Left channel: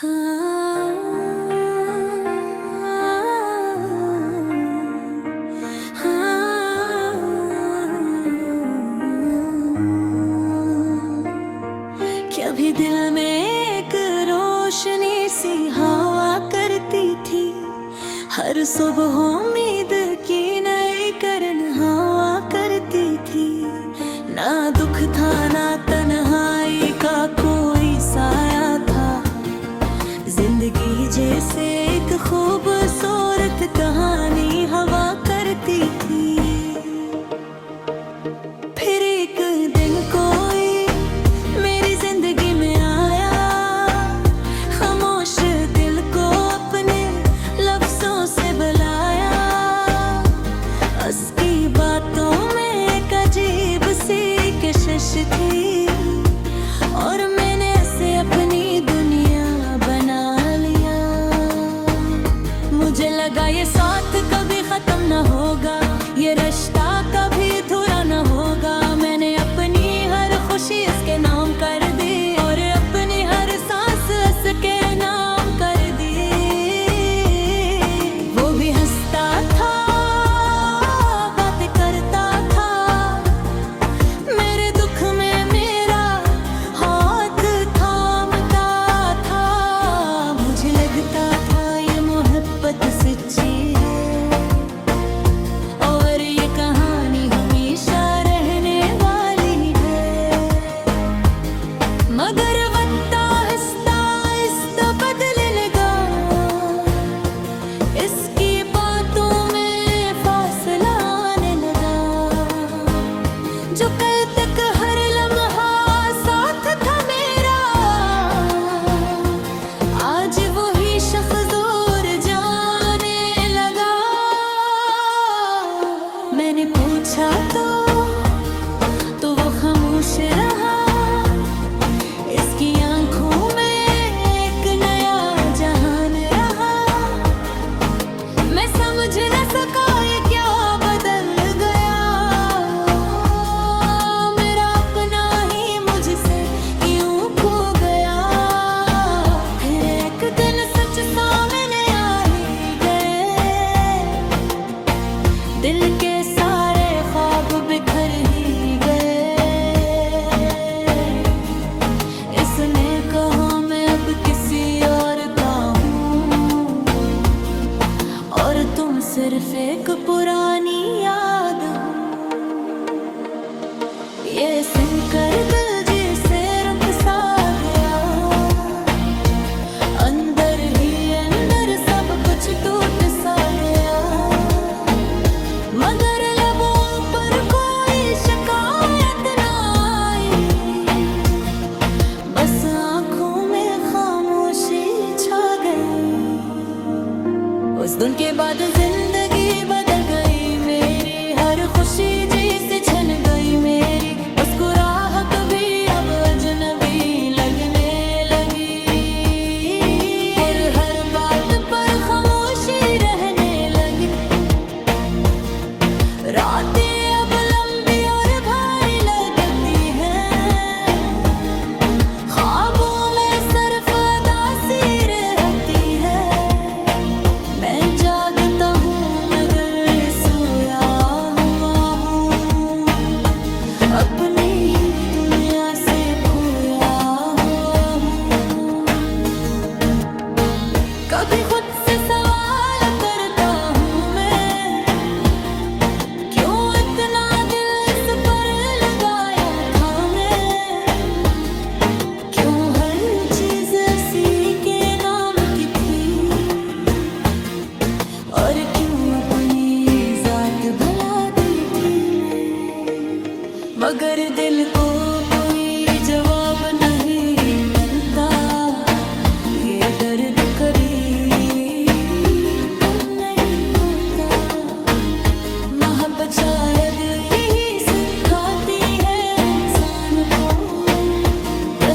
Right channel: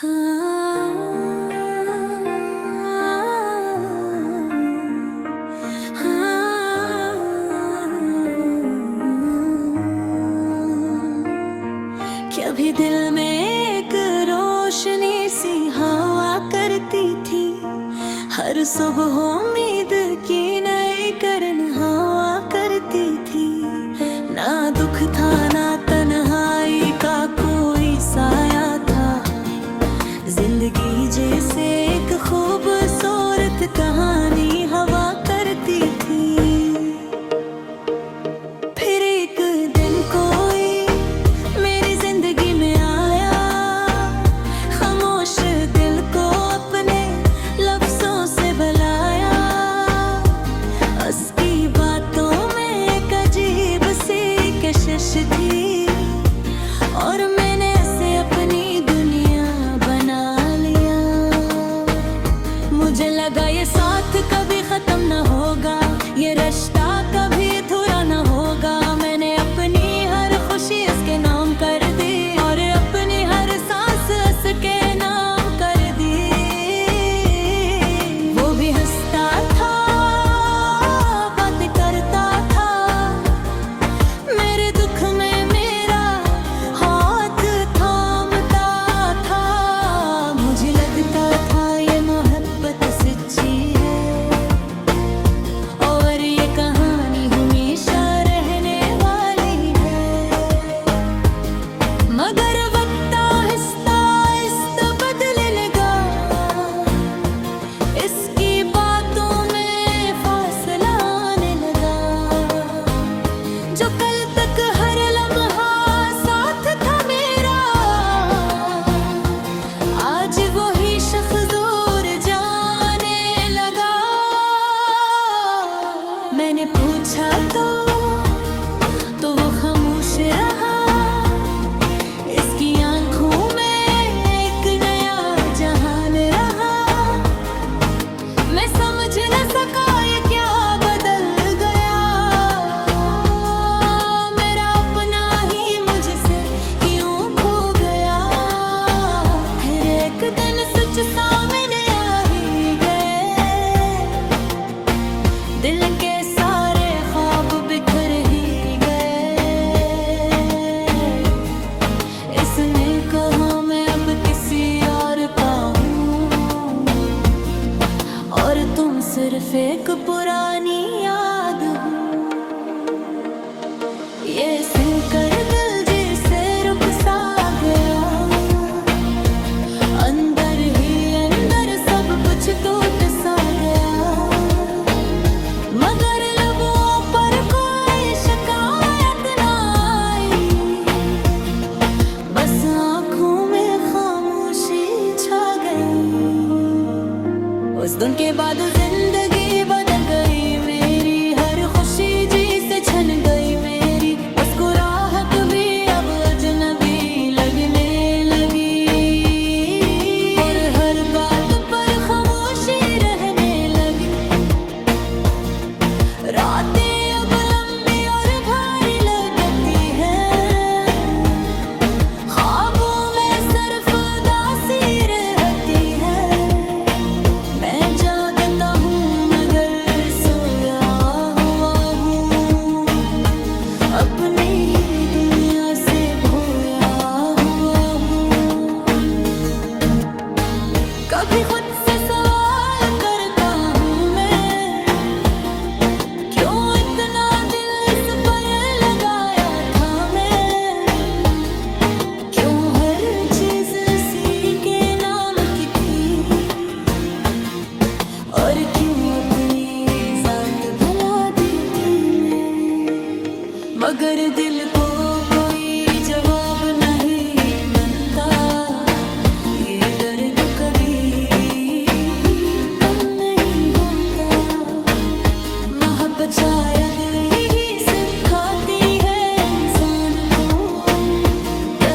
कभी दिल में एक रोशनी सी हवा करती थी, हर सुबह उम्मीद की नई करन हवा करती थी। ना दुख था ना तन्हाई का कोई साया था, जिंदगी जैसे एक खूबसूरत कहानी हवा करती थी। फिर एक दिन कोई मेरी जिंदगी में आया, खामोश दिल को अपने लफ्जों से बुलाया। उसकी बातों में एक अजीब सी कशिश थी, और मैंने उसे अपनी दुनिया बना लिया। मुझे लगा ये साथ कभी खत्म न होगा, ये रिश्ता कभी अधूरा न होगा। मैंने अपनी हर खुशी उसके नाम कर दी, और अपनी हर सांस उसके नाम कर दी। वो भी हंसता था, बातें करता था, मेरे दुख में मेरा हाथ थामता था। मुझे लगता था ये मोहब्बत सच्ची है, और ये कहानी हमेशा रहने वाली है। मगर वक्त आहिस्ता आहिस्ता बदलने लगा, इसकी बातों में फासला आने लगा। जो कल तक हर लम्हा साथ था मेरा, आज वही शख्स दूर जाने लगा। मैंने पूछा तो वो खामोश रहा, इसकी आंखों में एक नया जहान रहा। मैं समझ न सका ये क्या बदल गया, मेरा अपना ही मुझसे क्यों खो गया। फिर एक दिन सच सामने आ ही गए, दिल के सारे ख्वाब बिखर ही गए। इसने कहा मैं अब किसी और का हूँ, और तुम सिर्फ एक पुरानी याद हो। ये सुनकर दिल जैसे रुक सा गया, अंदर ही अंदर सब कुछ टूट सा गया। मगर लबों पर कोई शिकायत ना आई, बस आँखों में खामोशी छा गई। उस दिन के बाद जिंदगी बदल गई मेरी, हर खुशी जी से छन गई मेरी। मुस्कुराहट भी अब अजनबी लगने लगी, और हर बात पर खामोशी रहने लगी। रातें अब लंबी और भारी लगती हैं, ख्वाबों में सिर्फ उदासी रहती है। मैं जागता हूँ मगर सोया हुआ हूँ, अपनी ही दुनिया से खोया हुआ हूँ। कभी खुद से सवाल करता हूँ मैं, क्यों इतना दिल इस पर लगाया था मैं। क्यों हर चीज उसी के नाम की थी, और क्यों अपनी जात भुला दी थी मैं। मगर दिल को कोई जवाब नहीं मिलता, ये दर्द कभी तुम नहीं होता। मोहब्बत शायद यही सिखाती है इंसान को,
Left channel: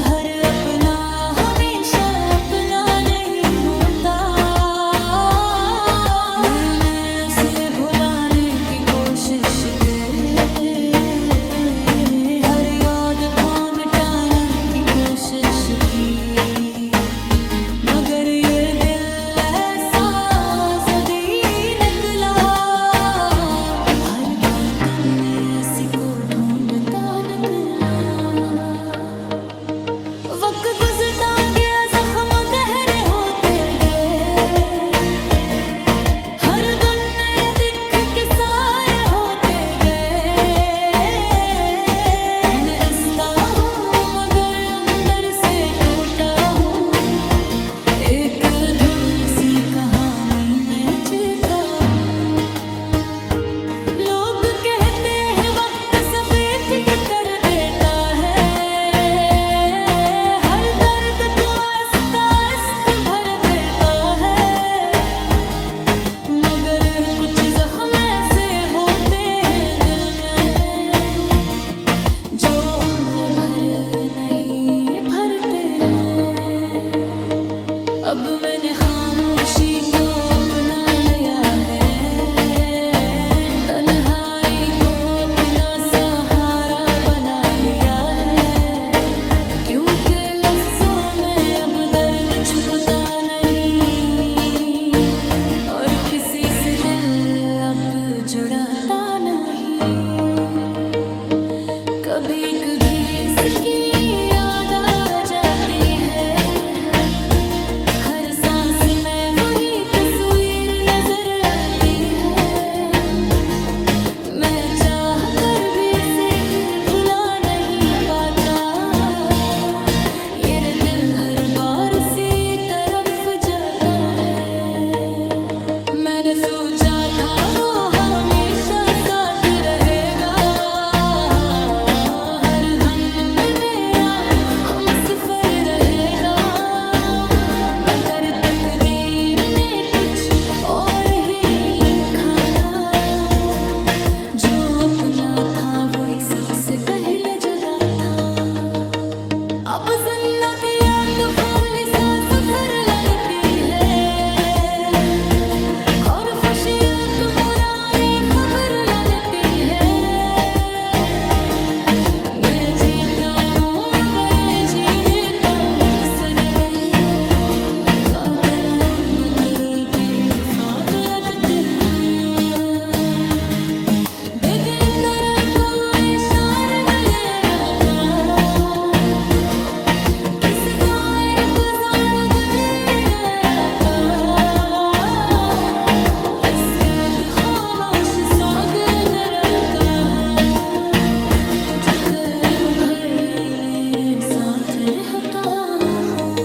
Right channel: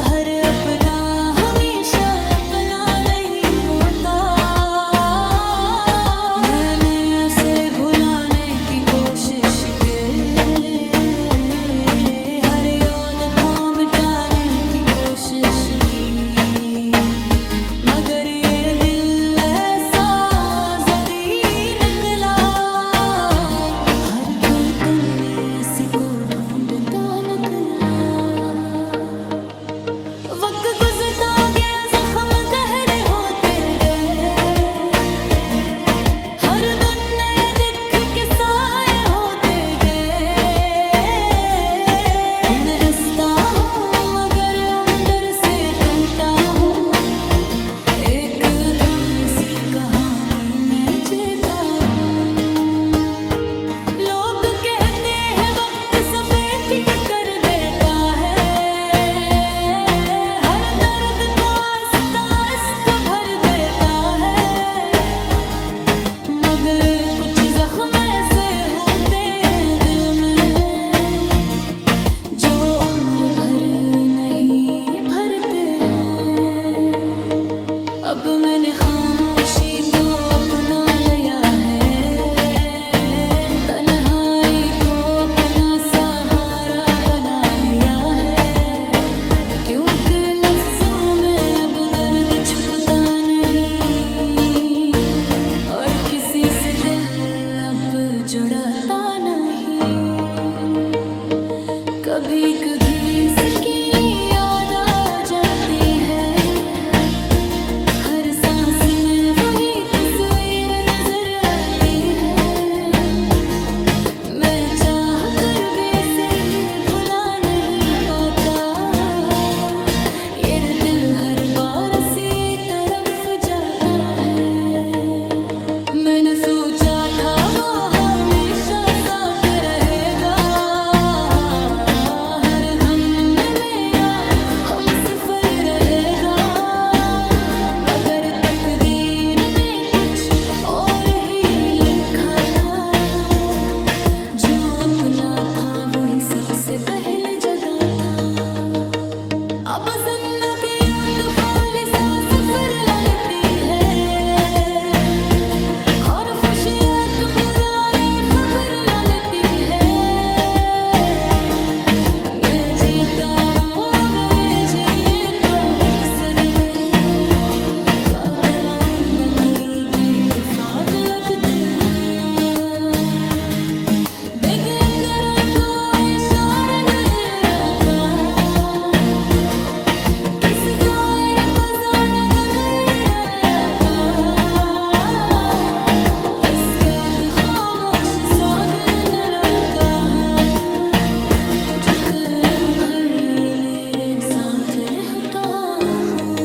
हर अपना हमेशा अपना नहीं होता। मैंने उसे भुलाने की कोशिश की, हर याद को मिटाने की कोशिश की। मगर ये दिल ऐसा आज़ादी निकला, हर कोई तन्ने ऐसी को ढूंढता निकला। वक्त गुजरता गया, जख्म गहरे होते गए, हर दिन नए दिख के साए होते गए। मैं ऐसा हूँ मगर अंदर से टूटा हूँ, एक अधूरी सी कहानी में जीता हूँ। लोग कहते हैं वक्त सभी ठीक कर देता है, हर दर्द को आहिस्ता आहिस्ता भर देता है। मगर कुछ जख्म ऐसे होते हैं दिल में, जो उम्र भर नहीं भरते हैं। अब मैंने खामोशी को अपना लिया है, तन्हाई को अपना सहारा बना लिया है। क्योंकि लफ्जों में अब दर्द छुपता नहीं, और किसी से दिल अब जुड़ाता नहीं। कभी कभी इसकी याद आ जाती है, हर सांस में वही तस्वीर नजर आती है। मैं चाह कर भी इसे भुला नहीं पाता, ये दिल हर बार सी तरफ जाता है। मैंने सोचा था वो हमेशा साथ रहेगा, हर गम में मेरा हमसफर रहेगा। मगर तकदीर ने कुछ और ही लिखा था, जो अपना था वही सबसे पहले जगह था। अब जिंदगी तूफानी सा सफर लगती है, और खुशियाँ तो बुराई खबर लगती है। मैं जीता हूँ अब ये जीने का मकसद नहीं, कागला बकर भी इत्तेफाक लगते हैं। बेगेंदर को इशारे में रहता, किस दायर को जार गले रहता। बस कहते खामोश सागर न रहता है, जो कर्म भर मेरे साथ रहता हूँ।